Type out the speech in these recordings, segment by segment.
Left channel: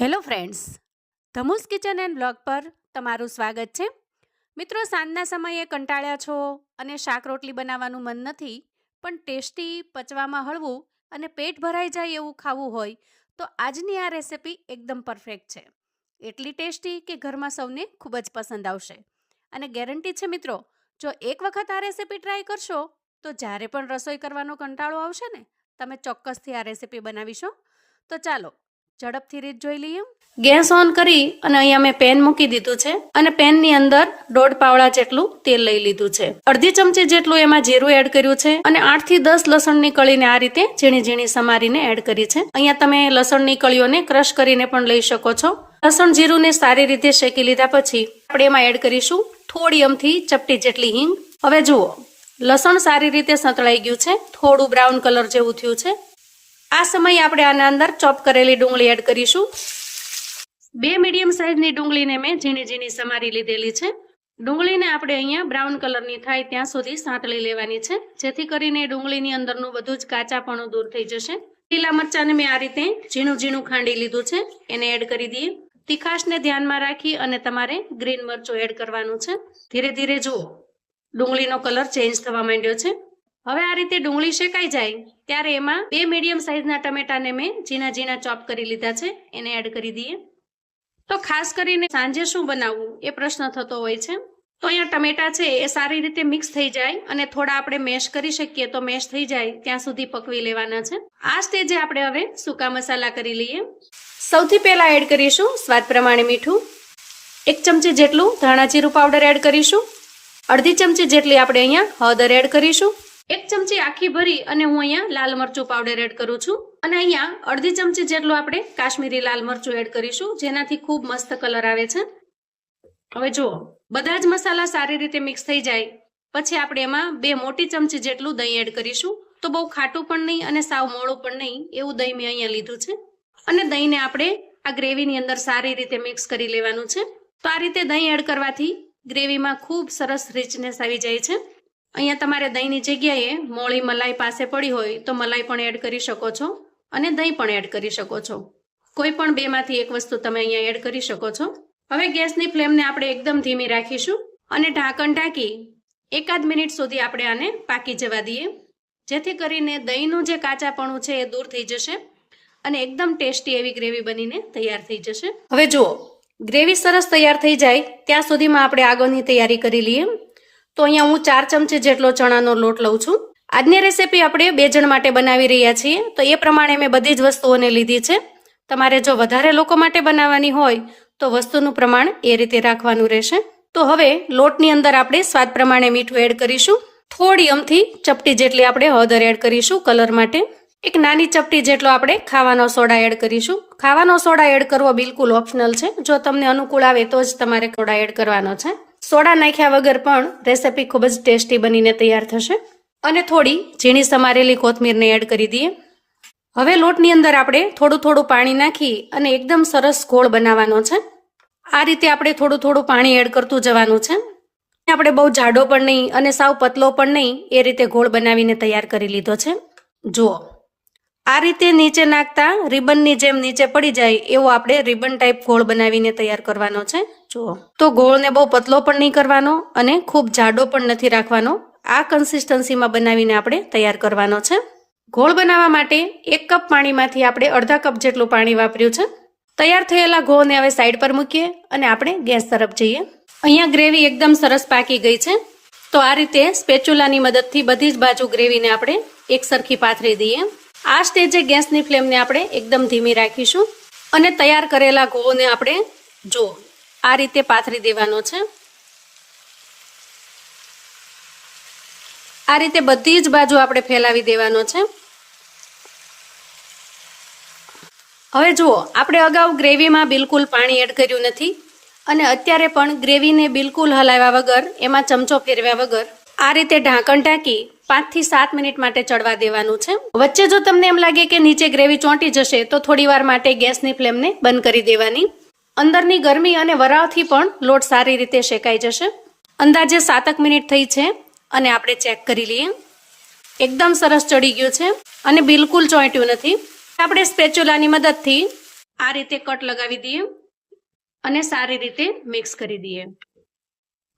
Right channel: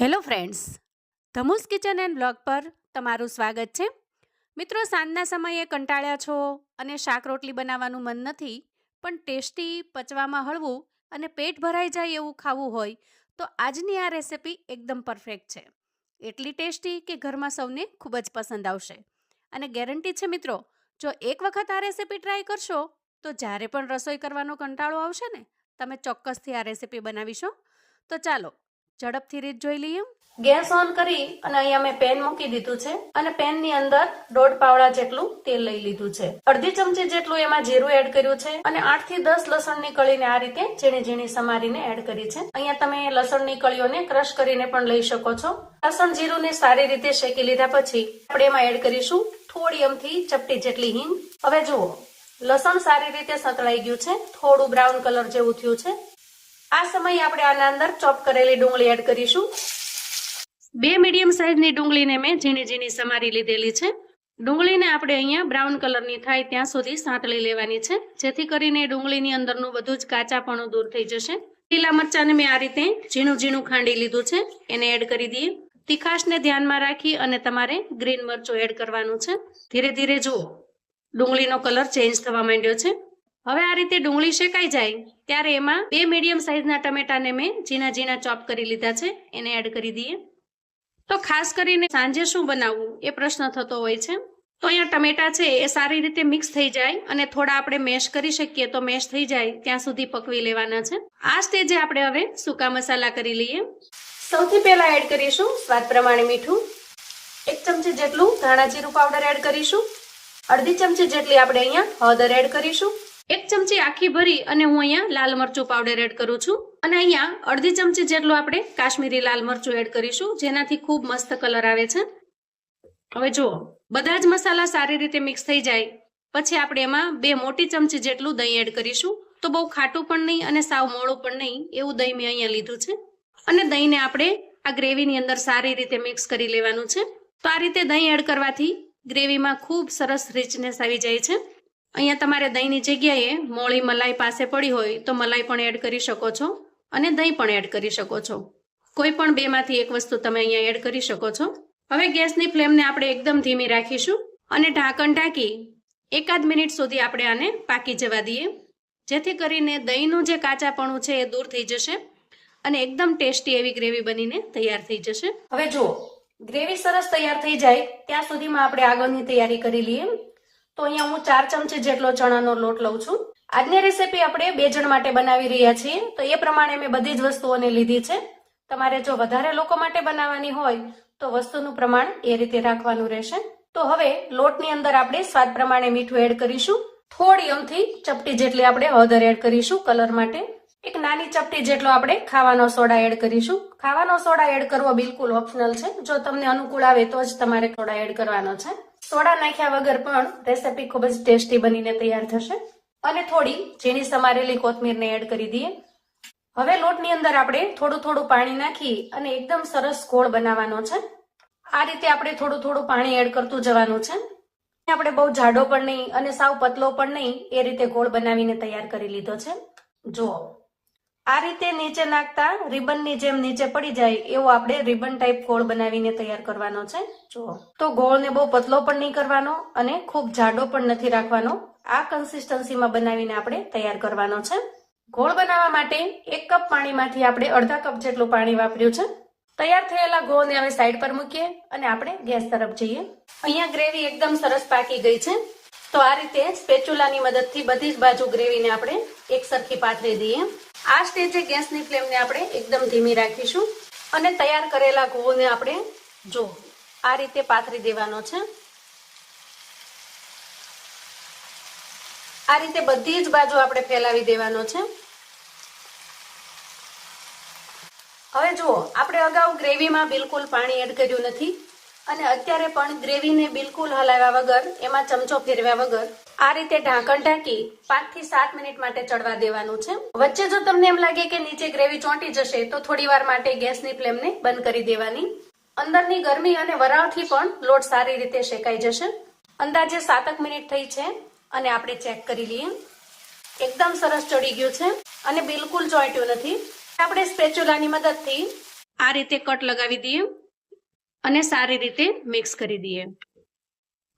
Hello friends ધમુસ kitchen and blog પર તમારું સ્વાગત છે. મિત્રો, સાંજના સમયે કંટાળ્યા છો અને શાક રોટલી બનાવવાનું મન નથી, પણ ટેસ્ટી પચવામાં હળવું અને પેટ ભરાઈ જાય એવું ખાવું હોય, તો આજની આ રેસિપી એકદમ પરફેક્ટ છે. એટલી ટેસ્ટી કે ઘરમાં સૌને ખૂબ જ પસંદ આવશે. અને ગેરંટી છે મિત્રો, જો એક વખત આ રેસિપી ટ્રાય કરશો, તો જ્યારે પણ રસોઈ કરવાનો કંટાળો આવશે ને, તમે ચોક્કસથી આ રેસિપી બનાવીશો. તો ચાલો ઝડપથી રીત જોઈ લઈએ. ગેસ ઓન કરી અને અહીંયા મેં પેન મૂકી દીધું છે અને પેનની અંદર દોઢ પાવડા જેટલું તેલ લઈ લીધું છે. અડધી ચમચી જેટલું એમાં જીરું એડ કર્યું છે અને આઠથી દસ લસણની કળીને આ રીતે ઝીણી ઝીણી સમારીને એડ કરી છે. અહીંયા તમે લસણની કળીઓને ક્રશ કરીને પણ લઈ શકો છો. લસણ જીરુંને સારી રીતે શેકી લીધા પછી આપણે એમાં એડ કરીશું થોડી અમથી ચપટી જેટલી હિંગ. હવે જુઓ, લસણ સારી રીતે સંતળાઈ ગયું છે. થોડું બ્રાઉન કલર જેવું થયું છે. આ સમયે આપણે આના અંદર ચોપ કરેલી ડુંગળી એડ કરીશું. બે મીડિયમ સાઇઝની ડુંગળીને મેં ઝીણી ઝીણી સમારી લીધેલી છે. ડુંગળીને આપણે અહીંયા બ્રાઉન કલરની થાય ત્યાં સુધી સાંતળી લેવાની છે. જેથી કરીને ડુંગળીની અંદરનું બધું જ કાચાપણું દૂર થઈ જશે. લીલા મરચાંને મેં આ રીતે ઝીણું ઝીણું ખાંડી લીધું છે. એને એડ કરી દઈએ. તીખાશને ધ્યાનમાં રાખી અને તમારે ગ્રીન મરચું એડ કરવાનું છે. ધીરે ધીરે જુઓ. ડુંગળીનો કલર ચેન્જ થવા માંડ્યો છે. હવે આ રીતે ડુંગળી શેકાઈ જાય, ત્યારે એમાં બે મીડિયમ સાઇઝના ટમેટાને મેં ઝીણા ઝીણા ચોપ કરી લીધા છે, એને એડ કરી દઈએ. તો ખાસ કરીને સાંજે શું બનાવવું, એ પ્રશ્ન થતો હોય છે. તો અહીંયા ટમેટા છે, એ સારી રીતે મિક્સ થઈ જાય અને થોડા આપણે મેશ કરી શકીએ તો મેશ થઈ જાય, ત્યાં સુધી પકવી લેવાના છે. આ સ્ટેજે આપણે હવે સૂકા મસાલા કરી લઈએ. સૌથી પહેલા એડ કરીશું સ્વાદ પ્રમાણે મીઠું. એક ચમચી જેટલું ધાણા જીરું પાવડર એડ કરીશું. અડધી ચમચી જેટલી આપણે અહીંયા હળદર એડ કરીશું. એક ચમચી આખી ભરી અને હું અહીંયા લાલ મરચું પાવડર એડ કરું છું. અને અહીંયા અડધી ચમચી જેટલું આપણે કાશ્મીરી લાલ મરચું એડ કરીશું, જેનાથી ખૂબ મસ્ત કલર આવે છે. હવે જુઓ, બધા જ મસાલા સારી રીતે મિક્સ થઈ જાય. પછી આપણે એમાં બે મોટી ચમચી જેટલું દહીં એડ કરીશું. તો બહુ ખાટું પણ નહીં અને સાવ મોળું પણ નહીં, એવું દહીં મેં અહીંયા લીધું છે. અને દહીંને આપણે આ ગ્રેવીની અંદર સારી રીતે મિક્સ કરી લેવાનું છે. તો આ રીતે દહીં એડ કરવાથી ગ્રેવીમાં ખૂબ સરસ રિચનેસ આવી જાય છે. અહીંયા તમારે દહીંની જગ્યાએ મોળી મલાઈ પાસે પડી હોય તો મલાઈ પણ એડ કરી શકો છો અને દહીં પણ એડ કરી શકો છો. કોઈ પણ બેમાંથી એક વસ્તુ તમે અહીંયા એડ કરી શકો છો. હવે ગેસની ફ્લેમને આપણે એકદમ ધીમી રાખીશું અને ઢાંકણ ઢાંકી એકાદ મિનિટ સુધી આપણે આને પાકી જવા દઈએ. જેથી કરીને દહીંનું જે કાચાપણું છે એ દૂર થઈ જશે અને એકદમ ટેસ્ટી એવી ગ્રેવી બનીને તૈયાર થઈ જશે. હવે જુઓ, ગ્રેવી સરસ તૈયાર થઈ જાય ત્યાં સુધીમાં આપણે આગળની તૈયારી કરી લઈએ. તો અહીંયા હું ચાર ચમચી જેટલો ચણાનો લોટ લઉં છું. આજની રેસીપી આપણે બે જણ માટે બનાવી રહ્યા છીએ. તો એ પ્રમાણે મેં બધી જ વસ્તુઓને લીધી છે. તમારે જો વધારે લોકો માટે બનાવવાની હોય, તો વસ્તુનું પ્રમાણ એ રીતે રાખવાનું રહેશે. તો હવે લોટની અંદર આપણે સ્વાદ પ્રમાણે મીઠું એડ કરીશું. થોડી અમથી ચપટી જેટલી આપણે હળદર એડ કરીશું કલર માટે. એક નાની ચપટી જેટલો આપણે ખાવાનો સોડા એડ કરીશું. ખાવાનો સોડા એડ કરવો બિલકુલ ઓપ્શનલ છે. જો તમને અનુકૂળ આવે તો જ તમારે સોડા એડ કરવાનો છે. સોડા નાખ્યા વગર પણ રેસીપી ખૂબ જ ટેસ્ટી બનીને તૈયાર થશે. અને થોડી ઝીણી સમારેલી કોથમીરને એડ કરી દઈએ. હવે લોટની અંદર આપણે થોડું થોડું પાણી નાખી અને એકદમ સરસ ગોળ બનાવવાનો છે. આ રીતે આપણે થોડું થોડું પાણી એડ કરતું જવાનું છે. આપણે બહુ જાડો પણ નહીં અને સાવ પતલો પણ નહીં એ રીતે ગોળ બનાવીને તૈયાર કરી લીધો છે. જુઓ. આ રીતે નીચે નાખતા રિબનની જેમ નીચે પડી જાય એવો આપણે રિબન ટાઈપ ગોળ બનાવીને તૈયાર કરવાનો છે. જુઓ. તો ગોળને બહુ પતલો પણ નહીં કરવાનો અને ખૂબ જાડો પણ નથી રાખવાનો. આ કન્સિસ્ટન્સીમાં બનાવીને આપણે તૈયાર કરવાનો છે. ગોળ બનાવવા માટે એક કપ પાણીમાંથી આપણે અડધા કપ જેટલું પાણી વાપર્યું છે. તૈયાર થયેલા ગોળને હવે સાઈડ પર મૂકીએ અને આપણે ગેસ તરફ જઈએ. અહીંયા ગ્રેવી એકદમ સરસ પાકી ગઈ છે. તો આ રીતે સ્પેચ્યુલાની મદદથી બધી જ બાજુ ગ્રેવીને આપણે એક સરખી પાથરી દઈએ. આ સ્ટેજે ગેસની ફ્લેમને આપણે એકદમ ધીમી રાખીશું અને તૈયાર કરેલા ઘઉંને આપણે જો આ રીતે પાથરી દેવાનો છે. આ રીતે બધી જ બાજુ આપણે ફેલાવી દેવાનો છે. હવે જુઓ, આપણે અગાઉ ગ્રેવીમાં બિલકુલ પાણી એડ કર્યું નથી. અને અત્યારે પણ ગ્રેવીને બિલકુલ હલાવ્યા વગર, એમાં ચમચો ફેરવ્યા વગર, આ રીતે ઢાંકણ ઢાંકી પાંચથી સાત મિનિટ માટે ચડવા દેવાનું છે. વચ્ચે જો તમને એમ લાગે કે નીચે ગ્રેવી ચોંટી જશે, તો થોડી વાર માટે ગેસની ફ્લેમને બંધ કરી દેવાની. અંદરની ગરમી અને વરાળથી પણ લોટ સારી રીતે શેકાઈ જશે. અંદાજે સાતક મિનિટ થઈ છે અને આપણે ચેક કરી લઈએ. એકદમ સરસ ચડી ગયું છે અને બિલકુલ ચોંટ્યું નથી. આપણે સ્પેચ્યુલાની મદદથી આ રીતે કટ લગાવી દઈએ. અને સારી રીતે મિક્સ કરી દઈએ.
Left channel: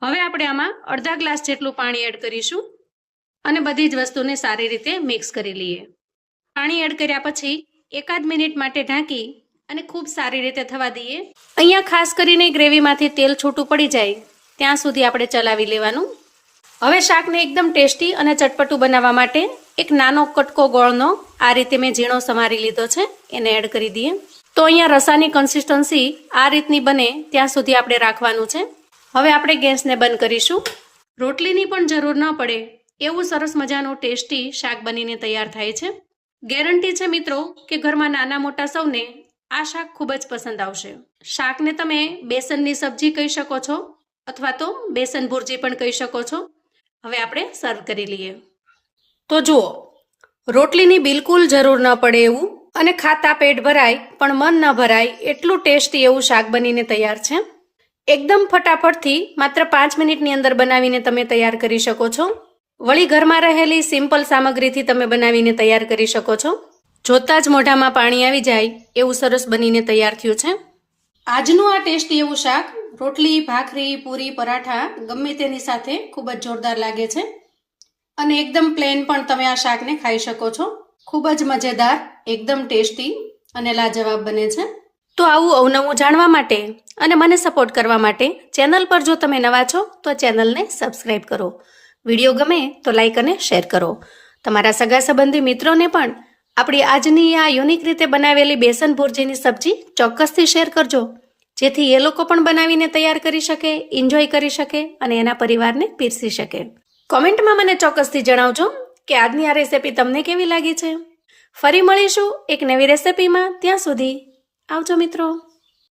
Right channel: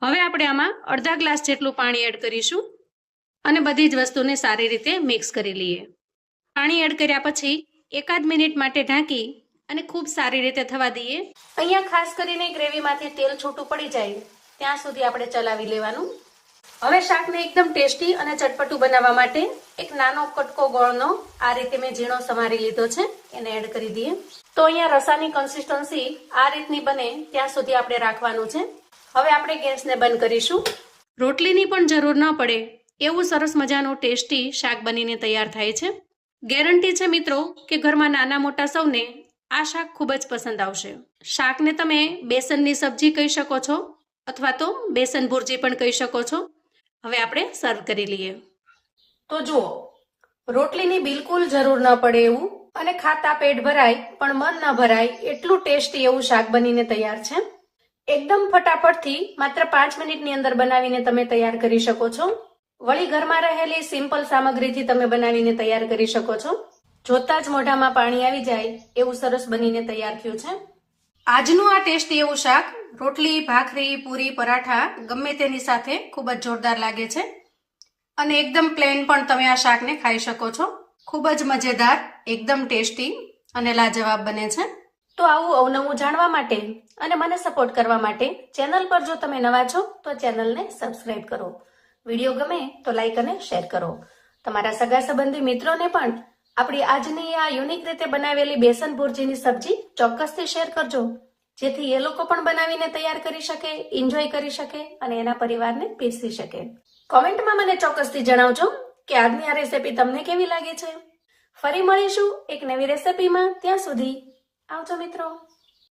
હવે આપણે આમાં અડધા ગ્લાસ જેટલું પાણી એડ કરીશું અને બધી જ વસ્તુને સારી રીતે મિક્સ કરી લઈએ. પાણી એડ કર્યા પછી એકાદ મિનિટ માટે ઢાંકી અને ખૂબ સારી રીતે થવા દઈએ. અહીંયા ખાસ કરીને ગ્રેવીમાંથી તેલ છૂટું પડી જાય ત્યાં સુધી આપણે ચલાવી લેવાનું. હવે શાકને એકદમ ટેસ્ટી અને ચટપટું બનાવવા માટે એક નાનો કટકો ગોળનો આ રીતે મેં ઝીણો સમારી લીધો છે, એને એડ કરી દઈએ. તો અહીંયા રસાની કન્સિસ્ટન્સી આ રીતની બને ત્યાં સુધી આપણે રાખવાનું છે. હવે આપણે ગેસને બંધ કરીશું. રોટલીની પણ જરૂર ન પડે એવું સરસ મજાનું ટેસ્ટી શાક બનીને તૈયાર થાય છે. ગેરંટી છે મિત્રો કે ઘરમાં નાના મોટા સૌને આ શાક ખૂબ જ પસંદ આવશે. શાકને તમે બેસનની સબ્જી કહી શકો છો અથવા તો બેસન ભુરજી પણ કહી શકો છો. હવે આપણે સર્વ કરી લઈએ. તો જુઓ, રોટલીની બિલકુલ જરૂર ન પડે એવું અને ખાતા પેટ ભરાય, પણ મન ન ભરાય, એટલું ટેસ્ટી એવું શાક બનીને તૈયાર છે. એકદમ ફટાફટથી માત્ર પાંચ મિનિટની અંદર બનાવીને તમે તૈયાર કરી શકો છો. વળી ઘરમાં રહેલી સિમ્પલ સામગ્રીથી તમે બનાવીને તૈયાર કરી શકો છો. જોતા જ મોઢામાં પાણી આવી જાય, એવું સરસ બનીને તૈયાર થયું છે. આજનું આ ટેસ્ટી એવું શાક, રોટલી, ભાખરી, પૂરી, પરાઠા, ગમે તેની સાથે ખૂબ જ જોરદાર લાગે છે. અને એકદમ પ્લેન પણ તમે આ શાકને ખાઈ શકો છો. ખૂબ જ મજેદાર, એકદમ ટેસ્ટી અને લાજવાબ બને છે. તો આવું અવનવું જાણવા માટે અને મને સપોર્ટ કરવા માટે ચેનલ પર જો તમે નવા છો, તો ચેનલને સબસ્ક્રાઈબ કરો. વીડિયો ગમે તો લાઇક અને શેર કરો. તમારા સગા સંબંધી મિત્રોને પણ આપણી આજની આ યુનિક રીતે બનાવેલી બેસન ભુરજીની સબ્જી ચોક્કસથી શેર કરજો. જેથી એ લોકો પણ બનાવીને તૈયાર કરી શકે એન્જોય કરી શકે અને એના પરિવારને પીરસી શકે. કોમેન્ટમાં મને ચોક્કસથી જણાવજો કે આજની આ રેસિપી તમને કેવી લાગી છે? ફરી મળીશું એક નવી રેસિપીમાં ત્યાં સુધી આવજો મિત્રો.